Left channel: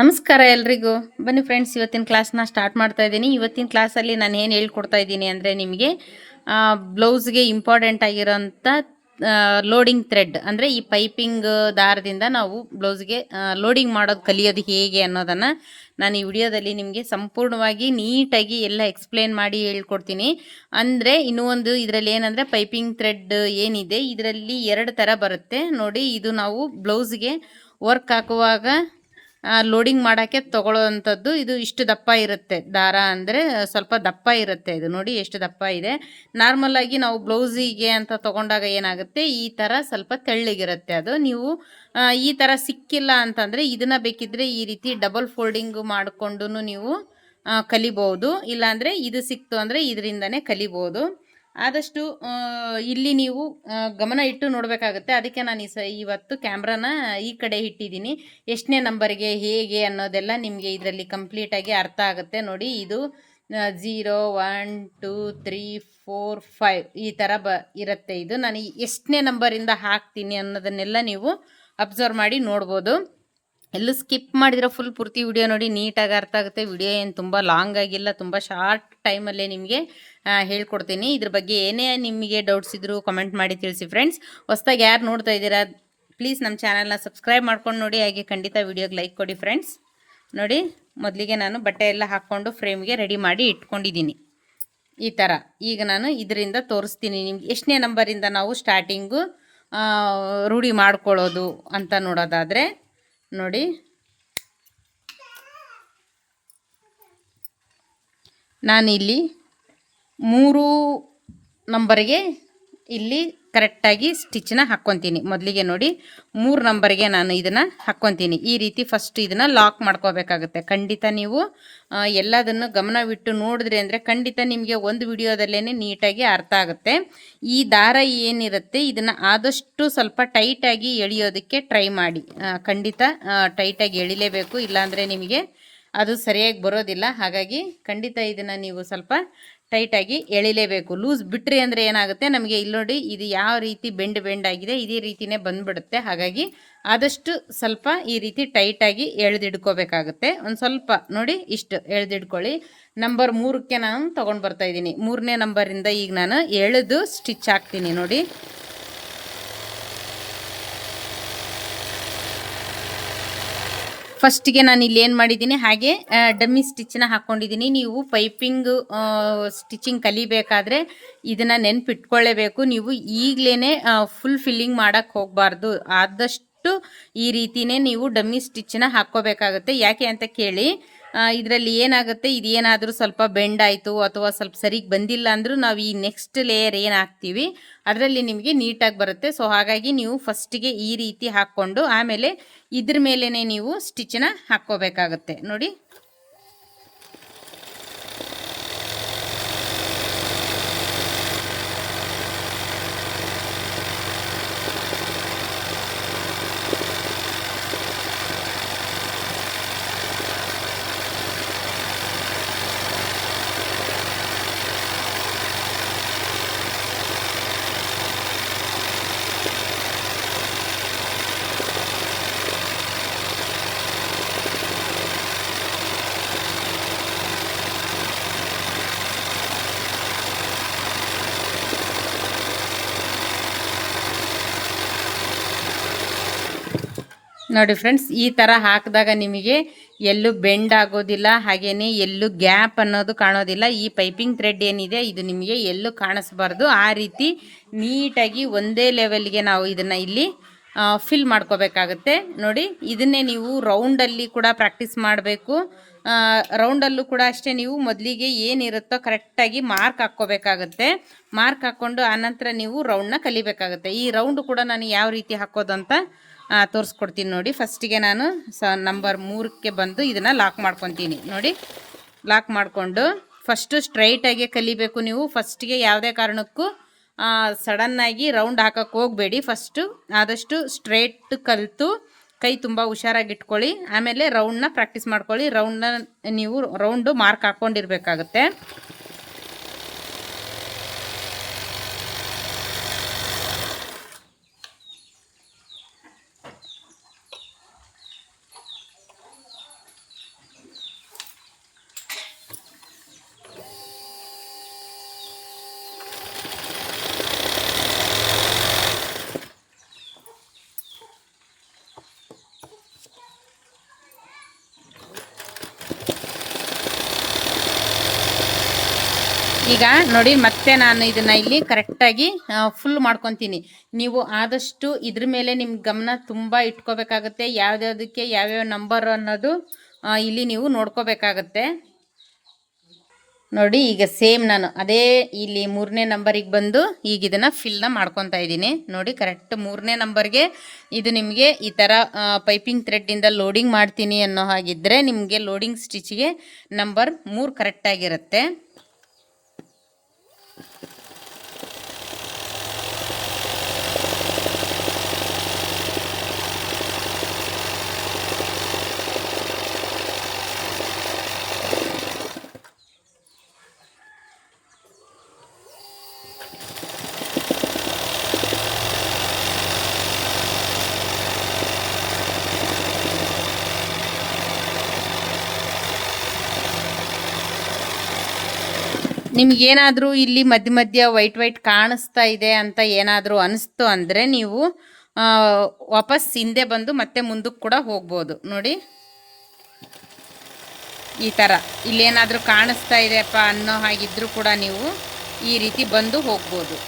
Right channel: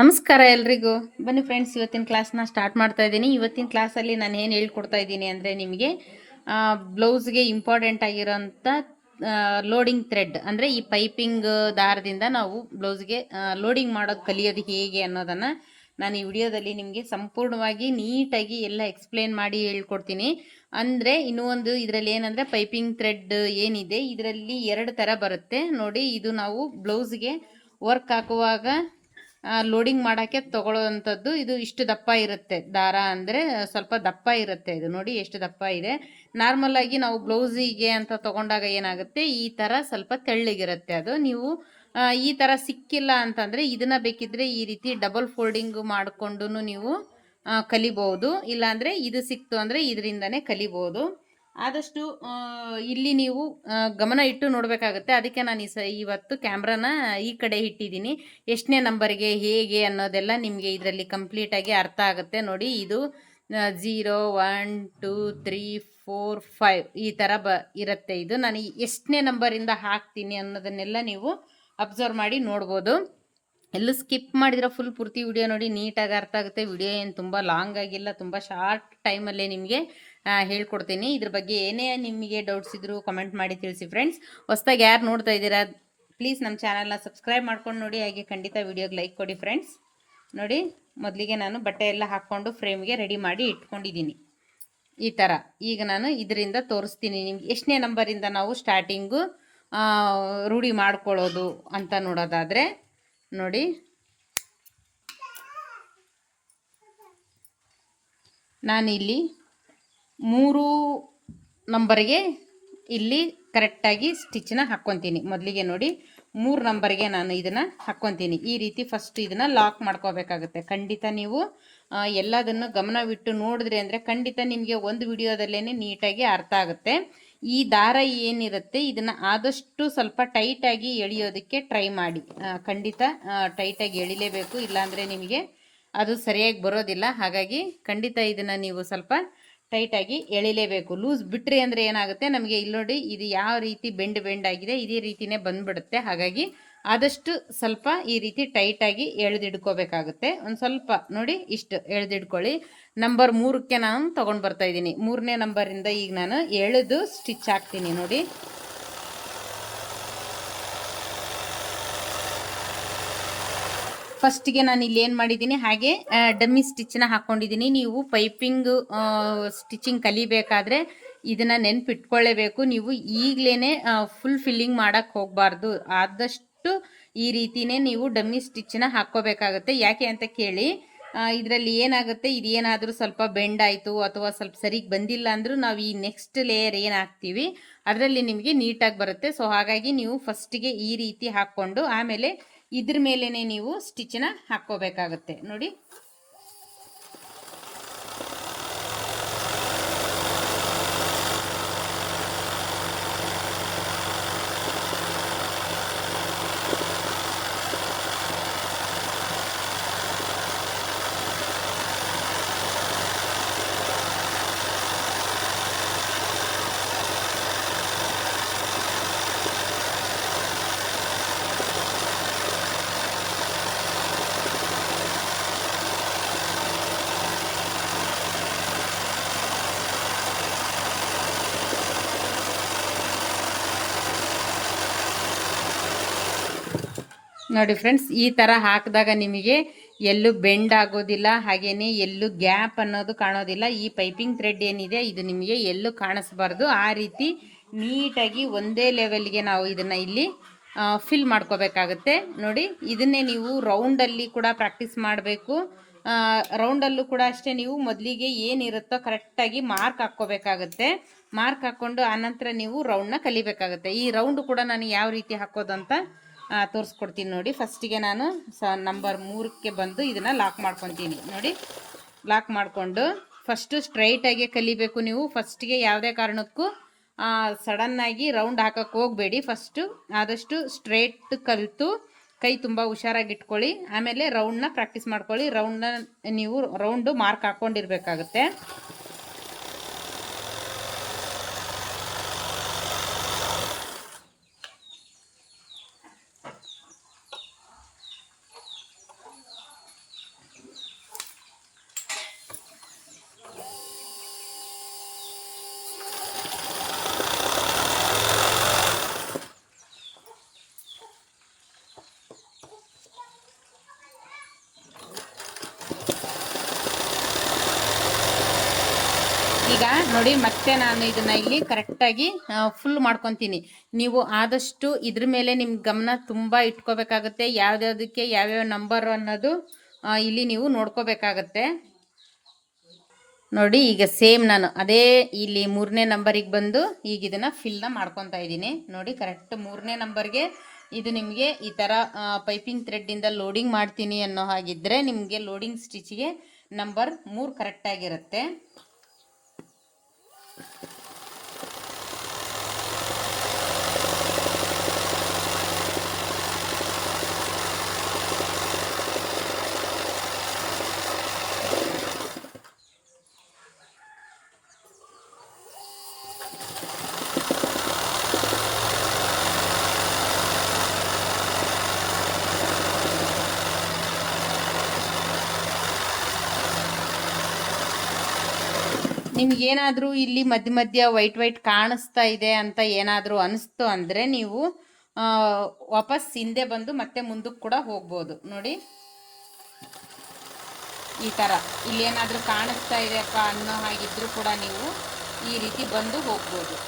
ನಮಸ್ಕಾರ ಎಲ್ರಿಗೂ. ಬನ್ನಿ ಫ್ರೆಂಡ್ಸ್, ಇವತ್ತಿನ ಕ್ಲಾಸ್ನ ಸ್ಟಾರ್ಟ್ ಮಾಡ್ತಾ ಇದ್ದೀನಿ. ಇವತ್ತಿನ ಕ್ಲಾಸಲ್ಲಿ ನಾನು ಏನು ಹೇಳ್ಕೊಡ್ತಾ ಇದ್ದೀನಿ ಅಂದರೆ ನಿಮಗೆ ಬ್ಲೌಸ್ಗೆ ಇಂಪಾರ್ಟೆಂಟ್ ಆಗಿರೋಂಥ ಲೋಡಿಂಗ್ ಥ್ರೆಡ್ ಅಂದರೆ ಈ ಪೈಪಿಂಗ್ ದಾರದಿಂದ ನಾವು ಬ್ಲೌಸ್ಗೆ ಲೋಡಿಂಗ್ ಮಾಡೋದು ಕಲಿಯೋದು ಹೇಗೆ ಅನ್ನೋದನ್ನು ನಾನು ಈ ವಿಡಿಯೋದಲ್ಲಿ ನಿಮಗೆ ಸಂಪೂರ್ಣವಾಗಿ ನೀಟಾಗಿ ಎಲ್ಲ ಎಕ್ಸ್ಪ್ಲೇನ್ ಮಾಡಿ ಹೇಳ್ಕೊಡ್ತೀನಿ. ಅಂದರೆ ಇನ್ನೂ ಒಂದು ಇದರಲ್ಲಿ ಏನಂದರೆ ಪೈಪಿಂಗ್ ಥ್ರೆಡ್ ಏನಿದೆ ಇದರಲ್ಲಿ 2 ಥರ ಬರುತ್ತೆ ನೋಡಿ. ಇದು ನಾವು ಬ್ಲೌಸ್ಗೆ ವರ್ಕ್ ಹಾಕುವಾಗ ಲೋಡಿಂಗ್ ಮಾಡೋಕ್ಕೆ ತೊಗೊಳ್ಳೋವಂಥದ್ದು. ಇದು ಇಷ್ಟು ದಪ್ಪ ಇರುತ್ತೆ ದಾರ, ಅಂದರೆ ಸ್ವಲ್ಪ ದಪ್ಪ ಇರುತ್ತೆ. ಇದು ನೋಡಿ ಎಷ್ಟು ದಪ್ಪ ಇದೆ. ನಾರ್ಮಲಾಗಿ ನಾವು ಬ್ಲೌಸಿಗೆ ಅಂತ ತೊಗೊಂಡಾಗ ಏನಾಗುತ್ತೆ, ಈ ಥರ ಸ್ವಲ್ಪ ತೆಳ್ಳಗಿರುತ್ತೆ. ಅದು ನೀವು ಈ ಥರ ಸಿಕ್ಕಿಲ್ಲ ಅಂತಂದರೆ ಇದನ್ನು ಬೇಕಿದ್ದರೆ ಈ ರೀತಿ ಡಬಲ್ ಫೋಲ್ಡಿಂಗ್ ಮಾಡಿಕೊಂಡು ನೀವು ಕಲಿಬೋದು. ಇಲ್ಲಾಂದರೆ ಇದು ಸಿಕ್ತು ಅಂದರೆ ಇದರಿಂದನೇ ಕಲಿಬೋದು. ಆದಷ್ಟು ಇಲ್ಲಿ ನೀವು ಗಮನ ಇಟ್ಟು ನೋಡಬೇಕಾಗುತ್ತೆ. ಅದಕ್ಕೆ ನಾನು ಇವತ್ತು ಕ್ಯಾಮ್ರಾನ ಈ ಕಡೆ ಇಟ್ಟಿದ್ದೀನಿ. ಎಷ್ಟನೇ ನಂಬರ್ಗೆ ಹೇಗೆ ಅನ್ನೋದೆಲ್ಲ ನಿಮಗೆ ಇದರಲ್ಲಿ ಕಂಪ್ಲೀಟಾಗಿ ಅರ್ಥ ಆಗುತ್ತೆ. ನೋಡಿ, ಇದು 0 1 2 3 4 5 ಈ ಥರ ಇರುತ್ತೆ. ಇದು ನಾನು ಎಷ್ಟನೇ ನಂಬರಿಂದ ಹಾಕ್ತೀನಿ ಅನ್ನೋದನ್ನೆಲ್ಲ ನೀವು ಅಬ್ಸರ್ವ್ ಮಾಡಿ ನೋಡ್ಬೋದು. ಎಲ್ಲೂ ಸ್ಕಿಪ್ ಮಾಡಿದ್ರೆ ಫುಲ್ ಪೂರ್ತಿ ವಿಡಿಯೋ ನೋಡಿ, ನೀಟಾಗಿ ಅರ್ಥ ಆಗುತ್ತೆ. ವಿಡಿಯೋ ಏನು ತುಂಬ ಲಾಂಗ್ ಆಗಿಲ್ಲ, ತುಂಬ ಶಾರ್ಟ್ ಟೈಮಲ್ಲೇ ನಿಮಗೆ ಹೇಳ್ಕೊಡ್ತೀನಿ. ಇದ್ರ ಬಗ್ಗೆ ಏನೇ ನಿಮಗೆ ಡೌಟ್ಸ್ ಇದ್ದರೂ ಕಮೆಂಟ್ ಮಾಡಿ ತಿಳಿಸಿ ಫ್ರೆಂಡ್ಸ್. ಹೊಸ್ದಾಗಿ ಯಾರು ನೋಡ್ತಾ ಇದ್ದೀರಾ ಪ್ಲೀಸ್ ನಮ್ಮ ಚಾನಲ್ನ ಸಬ್ಸ್ಕ್ರೈಬ್ ಮಾಡ್ಕೊಂಡು ನೋಡಿ, ಹಾಗೆ ಖಂಡಿತ ವಿಡಿಯೋಗೆ ಲೈಕ್ ಕೊಡಿ ಫ್ರೆಂಡ್ಸ್. ನೋಡಿ, ಮೊದಲಿಗೆ ನಾನು ಬಟ್ಟೆ ಎಲ್ಲ ಹಾಕ್ಕೊಂಡು ಫ್ರೇಮ್ಗೆ ರೆಡಿ ಮಾಡಿ ಇಟ್ಕೊಂಡಿದ್ದೀನಿ ಈ ಥರ. ಈಗ ನಾನು ಇದರಿಂದ ತೋರಿಸ್ತೀನಿ ನಿಮ್ಗೆ ಎಷ್ಟನೇ ನಂಬರಿಂದ ನಾವು ಸ್ಟಾರ್ಟಿಂಗು ರೂಢಿ ಮಾಡ್ಕೊಳ್ಳೋದು ಅಂತ ನೋಡೋದಾದರೆ ನೋಡಿ. ನಾನಿಲ್ಲಿ 3 ನಂಬರ್ಗೆ ಇಲ್ಲಿ ಕರೆಕ್ಟಾಗಿ ಸ್ಟಿಚ್ಚನ್ನ ಹಾಕ್ಕೊತೀನಿ. ಮೊದಲಿಗೆ ನೋಡಿ 3 ನಂಬರ್ಗೆ ನಾನು ಇದನ್ನು ಹಾಕ್ಕೊತೀನಿ. ಈ ರೀತಿ ಫಸ್ಟ್ ಇದನ್ನು ಲಾಕ್ ಮಾಡ್ಕೋಬೇಕಾಗುತ್ತೆ. ಖಂಡಿತ ನೀವು ಎಲ್ಲದನ್ನು ಗಮನವಿಟ್ಟು ನೋಡಿದ್ರಿ ಅಂದರೆ ಖಂಡಿತ ನಿಮಗೆ ಒಂದು ವಿಡಿಯೋದಲ್ಲೇ ನೀಟಾಗಿ ಅರ್ಥ ಆಗುತ್ತೆ. ಈ ದಾರ ಏನಿರುತ್ತೆ ಇದನ್ನು ಆದಷ್ಟು ಸ್ವಲ್ಪ ಟೈಟಾಗಿ ಎಳೆಯೋದಕ್ಕೆ ಟ್ರೈ ಮಾಡಿ. ಖಂಡಿತ ಟೈಟಾಗಿ ಎಳಿಲೇಬೇಕು, ಇಲ್ಲಾಂದರೆ ನಿಮಗೆ ಅದು ಸರಿಯಾಗಿ ಬರೋದಿಲ್ಲ. ಹಾಗಾಗಿ ಖಂಡಿತ ಇದನ್ನು ನೀವು ಸ್ವಲ್ಪ ಟೈಟಾಗಿ ಎಳಿಲೇಬೇಕು. ಲೂಸ್ ಬಿಟ್ರಿ ಅಂದರೆ ಏನಾಗುತ್ತೆ, ನಮಗೆ ಇಲ್ಲಿ ನೋಡಿ ಇದು ಯಾವ ರೀತಿ ಬೆಂಡ್ ಆಗಿದೆ ಇದೇ ರೀತಿಯೇ ಬಂದುಬಿಡುತ್ತೆ. ಹಾಗಾಗಿ ಆದಷ್ಟು ಸ್ವಲ್ಪ ಈ ರೀತಿ ಟೈಟಾಗಿ ಎಳೆದಿಡ್ಕೋಬೇಕಾಗುತ್ತೆ. ಒಂದು ಸ್ವಲ್ಪ ನೋಡಿ ಇಷ್ಟು ಎಳೆದಿಡ್ಕೊಳ್ಳಿ. ನಂಬರ್ 3ಕ್ಕೆ ನಾನು ತೊಗೊಂಡು ಬರ್ತಾಯಿದ್ದೀನಿ. 3ನೇ ನಂಬರಿಂದ ಈಗ ನಾನು ಎಳೆದು ಸ್ಟಿಚ್ ಹಾಕ್ತೀನಿ ನೋಡಿ. ಫಸ್ಟಿಗೆ ನಾನು ಇಲ್ಲಿ ಏನು ಮಾಡಿದ್ದೀನಿ, ಹಾಗೆ ಡಮ್ಮಿ ಸ್ಟಿಚ್ಚನ್ನ ಹಾಕ್ಕೊಂಡಿದ್ದೀನಿ. ನೀವು ಪೈಪಿಂಗ್ ಸ್ಟಿಚಿಂಗ್ ಕಲಿಬೇಕಾದ್ರೆ ಇದನ್ನು ನೆನಪಿಟ್ಕೊಳ್ಳೇಬೇಕು. ನೀವು ಈಗಲೇ ಫುಲ್ ಫಿಲ್ಲಿಂಗ್ ಮಾಡೋಕ್ಕೆ ಹೋಗಬಾರ್ದು. ಆದಷ್ಟು ಈ ರೀತಿಯೇ ನೀವು ಡಮ್ಮಿ ಸ್ಟಿಚ್ಚನ್ನ ಹಾಕ್ಕೋಬೇಕಾಗುತ್ತೆ. ಯಾಕೆ ಅಂತ ಕೇಳಿ, ಇದರಲ್ಲಿ ಏನಾಗುತ್ತೆ, ಇದೇನಾದರೂ ಸ್ವಲ್ಪ ಬೆಂಡ್ ಆಯಿತು ಅಥವಾ ಸ್ವಲ್ಪ ಸರಿಗೆ ಬಂದಿಲ್ಲ ಅಂದರೂ ನಾವು ಈ ನೆಕ್ಸ್ಟ್ ಲೇಯರ್ ಏನು ಹಾಕ್ತೀವಿ ಅದರಲ್ಲಿ ನಿಮಗೆ ನೀಟಾಗಿ ಬರುತ್ತೆ. ಸೊ ಹಾಗಾಗಿ ನೀವು ಫಸ್ಟಿಗೆ ಈ ರೀತಿ ಹಾಕ್ಕೊಂಡು ಆಮೇಲೆ ಇದ್ರ ಮೇಲೇ ನೀವು ಸ್ಟಿಚ್ಚನ್ನ ಹಾಕ್ಕೋಬೇಕಾಗುತ್ತೆ ನೋಡಿ. ನೋಡಿ ಫ್ರೆಂಡ್ಸ್, ಈ ಥರ ಹಾಕಿದಾಗ ನಿಮಗೆ ಎಲ್ಲೂ ಬೆಂಡ್ ಆಗೋದಿಲ್ಲ, ಹಾಗೆಯೇ ಎಲ್ಲೂ ಗ್ಯಾಪ್ ಅನ್ನೋದು ಕಾಣೋದಿಲ್ಲ. ಈ ಪೈಪಿಂಗ್ ಥ್ರೆಡ್ ಏನಿದೆ ಇದು ನಿಮಗೆ ಎಲ್ಲೂ ಕಾಣಿಸ್ಬಾರ್ದು. ಆ ರೀತಿ ನೀಟಾಗಿ ಒಂದೇ ಲೆವೆಲ್ಗೆ ನಾವು ಇದನ್ನು ಇಲ್ಲಿ ಫಿಲ್ ಮಾಡ್ಕೋಬೇಕಾಗುತ್ತೆ ನೋಡಿ. ಇದನ್ನೇ ನೀವು ರೌಂಡಲ್ಲಿ ಕೂಡ ಪ್ರಾಕ್ಟೀಸ್ ಮಾಡಬೇಕು. ರೌಂಡಲ್ಲೂ ಕೂಡ ಅಷ್ಟೇ, ನೀವು ಮೊದಲಿಗೆ ಏನಿರುತ್ತೋ ಕರೆಕ್ಟಾಗಿ ಮಾರ್ಕ್ ಹಾಕ್ಕೋಬೇಕಾಗುತ್ತೆ. ಮಾರ್ಕ್ ಹಾಕ್ಕೊಂಡು ಆನಂತರ ನೀವು ರೌಂಡನ್ನ ಕಲಿಬೇಕಾಗುತ್ತೆ. ಈ ರೌಂಡು ಕೂಡ ನಾನು ಯಾವ ರೀತಿ ಹಾಕೋದು ಅಂತ ತೋರಿಸ್ಕೊಡ್ತೀನಿ ನೋಡಿ. ಫಸ್ಟಿಗೆ ನಾನು ನಂಬರ್ 3ಕ್ಕೆ ಬಂದು ಇದನ್ನು ಲಾಕ್ ಮಾಡ್ಕೊತೀನಿ ನೋಡಿ. ಲಾಕ್ ಮಾಡಿಕೊಂಡು ಫಸ್ಟು ಸ್ಟ್ರೈಟಾಗಿ ಕಲಿಬೇಕು ನೀವು. ಫಸ್ಟಿಗೆ ಯಾವುದೇ ಕಾರಣಕ್ಕೂ ಸಡನ್ನಾಗಿ ರೌಂಡ್ ಹಾಕೋಕ್ಕೆ ಹೋಗಬೇಡಿ. ಫಸ್ಟು ಆದಷ್ಟು ಸ್ಟ್ರೈಟ್ ಕಲಿತು ಕೈ ತುಂಬ ಹುಷಾರಾಗಿ ಇಟ್ಕೊಳ್ಳಿ. ಆಮೇಲೆ ರೌಂಡನ್ನ ಪ್ರಾಕ್ಟೀಸ್ ಮಾಡ್ಕೊಳ್ಳಿ. ರೌಂಡನ್ನ ನೀವು ರೌಂಡು ಮಾರ್ಕ್ ಹಾಕ್ಕೊಂಡಿರ್ಬೇಕಾಗುತ್ತೆ. ಈಗ ನೋಡಿ ಮತ್ತೆ ನಾನು ಇದನ್ನು ಇಲ್ಲಿ ಕರೆಕ್ಟಾಗಿ ಫುಲ್ ಮಾಡ್ಕೊತೀನಿ. ನೀವು ಆದಷ್ಟು ಇದ್ರ ಮೇಲೆ ನಿಮ್ಮ ಗಮನ ತುಂಬ ಇಟ್ಕೋಬೇಕಾಗತ್ತೆ. ಯಾವ್ದ್ಯಾವುದಕ್ಕೆ ಯಾವ್ಯಾವ ನಂಬರ್ ಅನ್ನೋದು ಇಲ್ಲಿ ನೀವು ನೋಡ್ಕೋಬೇಕಾಗತ್ತೆ. ನೋಡಿ ಈಗ ಸೇಮ್ ನಾನು ಅದೇ ಇಲ್ಲಿ 3ನೇ ನಂಬರಿಗೆ ಬಂದು ಈಗ ಇದನ್ನು ಫಿಲ್ನ ಮಾಡ್ಕೊತಾ ಇದ್ದೀನಿ. ನೋಡಿ ಕರೆಕ್ಟ್ 3ನೇ ನಂಬರ್ಗೆ ಇದು ನಿಮಗೆ ಈ ಥರ ಪೈಪಿಂಗ್ ಥ್ರೆಡ್ಡಿಂದ ಲೋಡಿಂಗ್ ಮಾಡ್ತೀನಿ ಅನ್ನೋ ಹಾಗಿದ್ದರೆ ನಿಮಗೆ ಲೋಡಿಂಗ್ ಸ್ಟಿಚ್ಗೆ ನಂಬರ್ 3 ಕರೆಕ್ಟಾಗಿರುತ್ತೆ. ನಿಮಗೇನಾದರೂ ಇಲ್ಲಿ ಮಧ್ಯ ಮಧ್ಯ ವೈಟ್ ಕಾಣಿಸ್ತಾ ಇದೆ ಅಂತ ಏನಾದರೂ ಅನಿಸ್ತು ಅಂದರೆ ನೀವು ವಾಪಸ್ ಹಿಂದೆ ಬಂದು ಮತ್ತೆ ಮುಂದಕ್ಕೆ ಕೂಡ ಹೋಗ್ಬೋದು. ನೋಡಿ ಈ ಥರ ಇಲ್ಲೇನಾದರೂ ಕಾಣಿಸ್ತಾ ಇದೆಯಪ್ಪ ಅನ್ನೋ ಹಾಗಿದ್ರೂ ಕೂಡ ನೀವು ಈ ರೀತಿ ಬಂದು ಹೋಗ್ಬೋದು.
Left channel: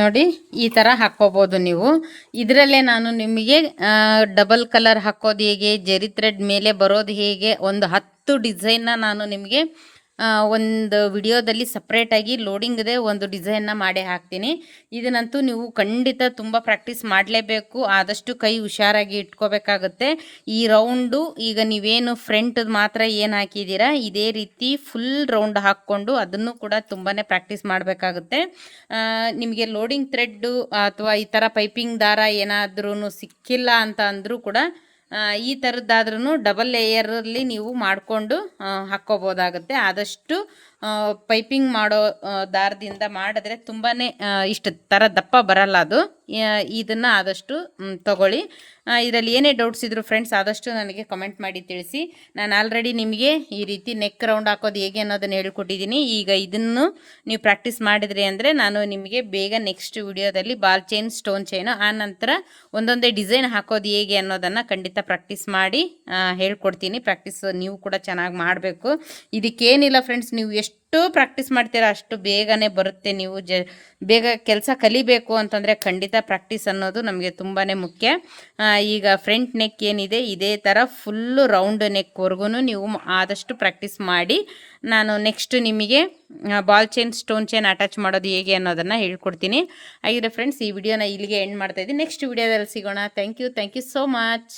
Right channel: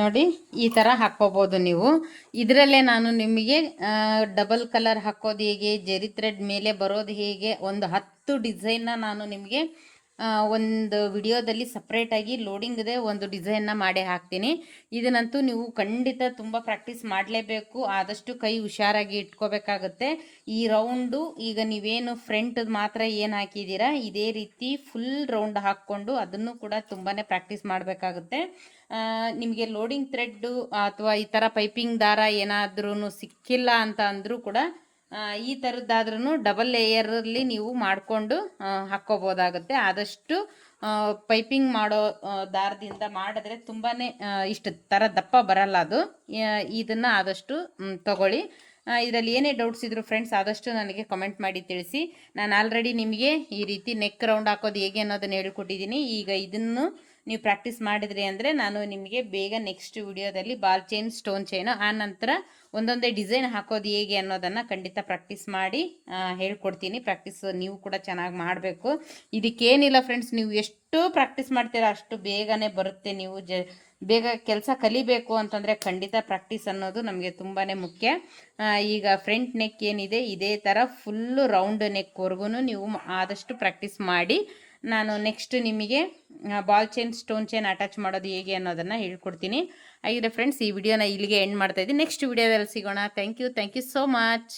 ನೋಡಿ ಈ ಥರ ಹಾಕ್ಕೋಬೋದು ನೀವು. ಇದರಲ್ಲೇ ನಾನು ನಿಮಗೆ ಡಬಲ್ ಕಲರ್ ಹಾಕೋದು ಹೇಗೆ, ಜರಿ ಥ್ರೆಡ್ ಮೇಲೆ ಬರೋದು ಹೇಗೆ, ಒಂದು 10 ಡಿಸೈನ್ನ ನಾನು ನಿಮಗೆ ಒಂದು ವಿಡಿಯೋದಲ್ಲಿ ಸಪ್ರೇಟಾಗಿ ಲೋಡಿಂಗ್ದೇ ಒಂದು ಡಿಸೈನ್ನ ಮಾಡೇ ಹಾಕ್ತೀನಿ. ಇದನ್ನಂತೂ ನೀವು ಖಂಡಿತ ತುಂಬ ಪ್ರಾಕ್ಟೀಸ್ ಮಾಡಲೇಬೇಕು. ಆದಷ್ಟು ಕೈ ಹುಷಾರಾಗಿ ಇಟ್ಕೋಬೇಕಾಗುತ್ತೆ. ಈ ರೌಂಡು ಈಗ ನೀವೇನು ಫ್ರಂಟದು ಮಾತ್ರ ಏನು ಹಾಕಿದ್ದೀರಾ ಇದೇ ರೀತಿ ಫುಲ್ ರೌಂಡ್ ಹಾಕ್ಕೊಂಡು ಅದನ್ನು ಕೂಡ ತುಂಬಾ ಪ್ರಾಕ್ಟೀಸ್ ಮಾಡಬೇಕಾಗುತ್ತೆ. ನಿಮಗೆ ಲೋಡಿಂಗ್ ಥ್ರೆಡ್ಡು ಅಥವಾ ಈ ಥರ ಪೈಪಿಂಗ್ ದಾರ ಏನಾದ್ರೂ ಸಿಕ್ಕಿಲ್ಲ ಅಂತ ಅಂದರೂ ಕೂಡ ಈ ಥರದ್ದಾದ್ರೂ ಡಬಲ್ ಲೇಯರಲ್ಲಿ ನೀವು ಮಾಡಿಕೊಂಡು ಹಾಕ್ಕೋಬೋದಾಗುತ್ತೆ. ಆದಷ್ಟು ಪೈಪಿಂಗ್ ಮಾಡೋ ದಾರದಿಂದ ಮಾಡಿದ್ರೆ ತುಂಬಾ ಇಷ್ಟು ಥರ ದಪ್ಪ ಬರಲ್ಲ ಅದು. ಇದನ್ನು ಆದಷ್ಟು ತಗೊಳ್ಳಿ. ಇದರಲ್ಲಿ ಏನೇ ಡೌಟ್ಸ್ ಇದ್ದರೂ ಫ್ರೆಂಡ್ಸ್ ಆದಷ್ಟು ನನಗೆ ಕಮೆಂಟ್ ಮಾಡಿ ತಿಳಿಸಿ. ನಾನು ಆಲ್ರೆಡಿ ನಿಮಗೆ ಈ ರೀತಿ ನೆಕ್ ರೌಂಡ್ ಹಾಕೋದು ಹೇಗೆ ಅನ್ನೋದನ್ನು ಹೇಳ್ಕೊಟ್ಟಿದ್ದೀನಿ. ಈಗ ಇದನ್ನು ನೀವು ಪ್ರಾಕ್ಟೀಸ್ ಮಾಡಿದ್ರಿ ಅಂದರೆ ನಾನು ನಿಮಗೆ ಬೇಗ ನೆಕ್ಸ್ಟ್ ವಿಡಿಯೋದಲ್ಲಿ ಬಾಲ್ ಚೈನ್, ಸ್ಟೋನ್ ಚೈನು, ಆ ನಂತರ ಒಂದೊಂದೇ ಡಿಸೈನ್ ಹಾಕೋದು ಹೇಗೆ ಅನ್ನೋದನ್ನು ಖಂಡಿತ ಪ್ರಾಕ್ಟೀಸ್ ಮಾಡಿ ಹೇಳ್ಕೊಡ್ತೀನಿ. ಪ್ರಾಕ್ಟೀಸ್ ನೀವು ಕೂಡ ಚೆನ್ನಾಗಿ ಮಾಡಬೇಕು. ಇದಕ್ಕೇನಿಲ್ಲ ಫ್ರೆಂಡ್ಸ್, ನೀವು ಎಷ್ಟು ಪ್ರಾಕ್ಟೀಸ್ ಮಾಡ್ತೀರಾ ಅಷ್ಟು ಬೇಗನೆ ಬರುತ್ತೆ. ನೀವು ಬೇಗ ಕೆಲಸ ಕಲಿಬೇಕು ಅಂತಂದರೆ ಖಂಡಿತ ಪ್ರಾಕ್ಟೀಸ್ ಅನ್ನೋದು ನಮಗೆ ತುಂಬಾ ಮುಖ್ಯ. ಈಗ ಫ್ರಂಟ್ ನೆಕ್ ಏನಿದೆ ಇದೇ ಥರ ಫುಲ್ಲು ರೌಂಡ್ ನೆಕ್ವರೆಗೂ ನೀವು ಆದಷ್ಟು ಪ್ರಾಕ್ಟೀಸ್ ಮಾಡಿ ನಾನು ನೆಕ್ಸ್ಟ್ ನಿಮಗೆ ball chain, stone chain attach ಮಾಡೋದು ಹೇಗೆ ಅನ್ನೋದನ್ನು ಹೇಳ್ಕೊಡ್ತೀನಿ. ಹಾಗಿದ್ರೆ ಫ್ರೆಂಡ್ಸ್ ಈ ವಿಡಿಯೋನ ಇಲ್ಲಿಗೆ ಎಂಡ್ ಮಾಡ್ತಾಯಿದ್ದೀನಿ. ನೆಕ್ಸ್ಟ್ ವಿಡಿಯೋದಲ್ಲಿ ಸಿಗೋಣ. Thank you so much.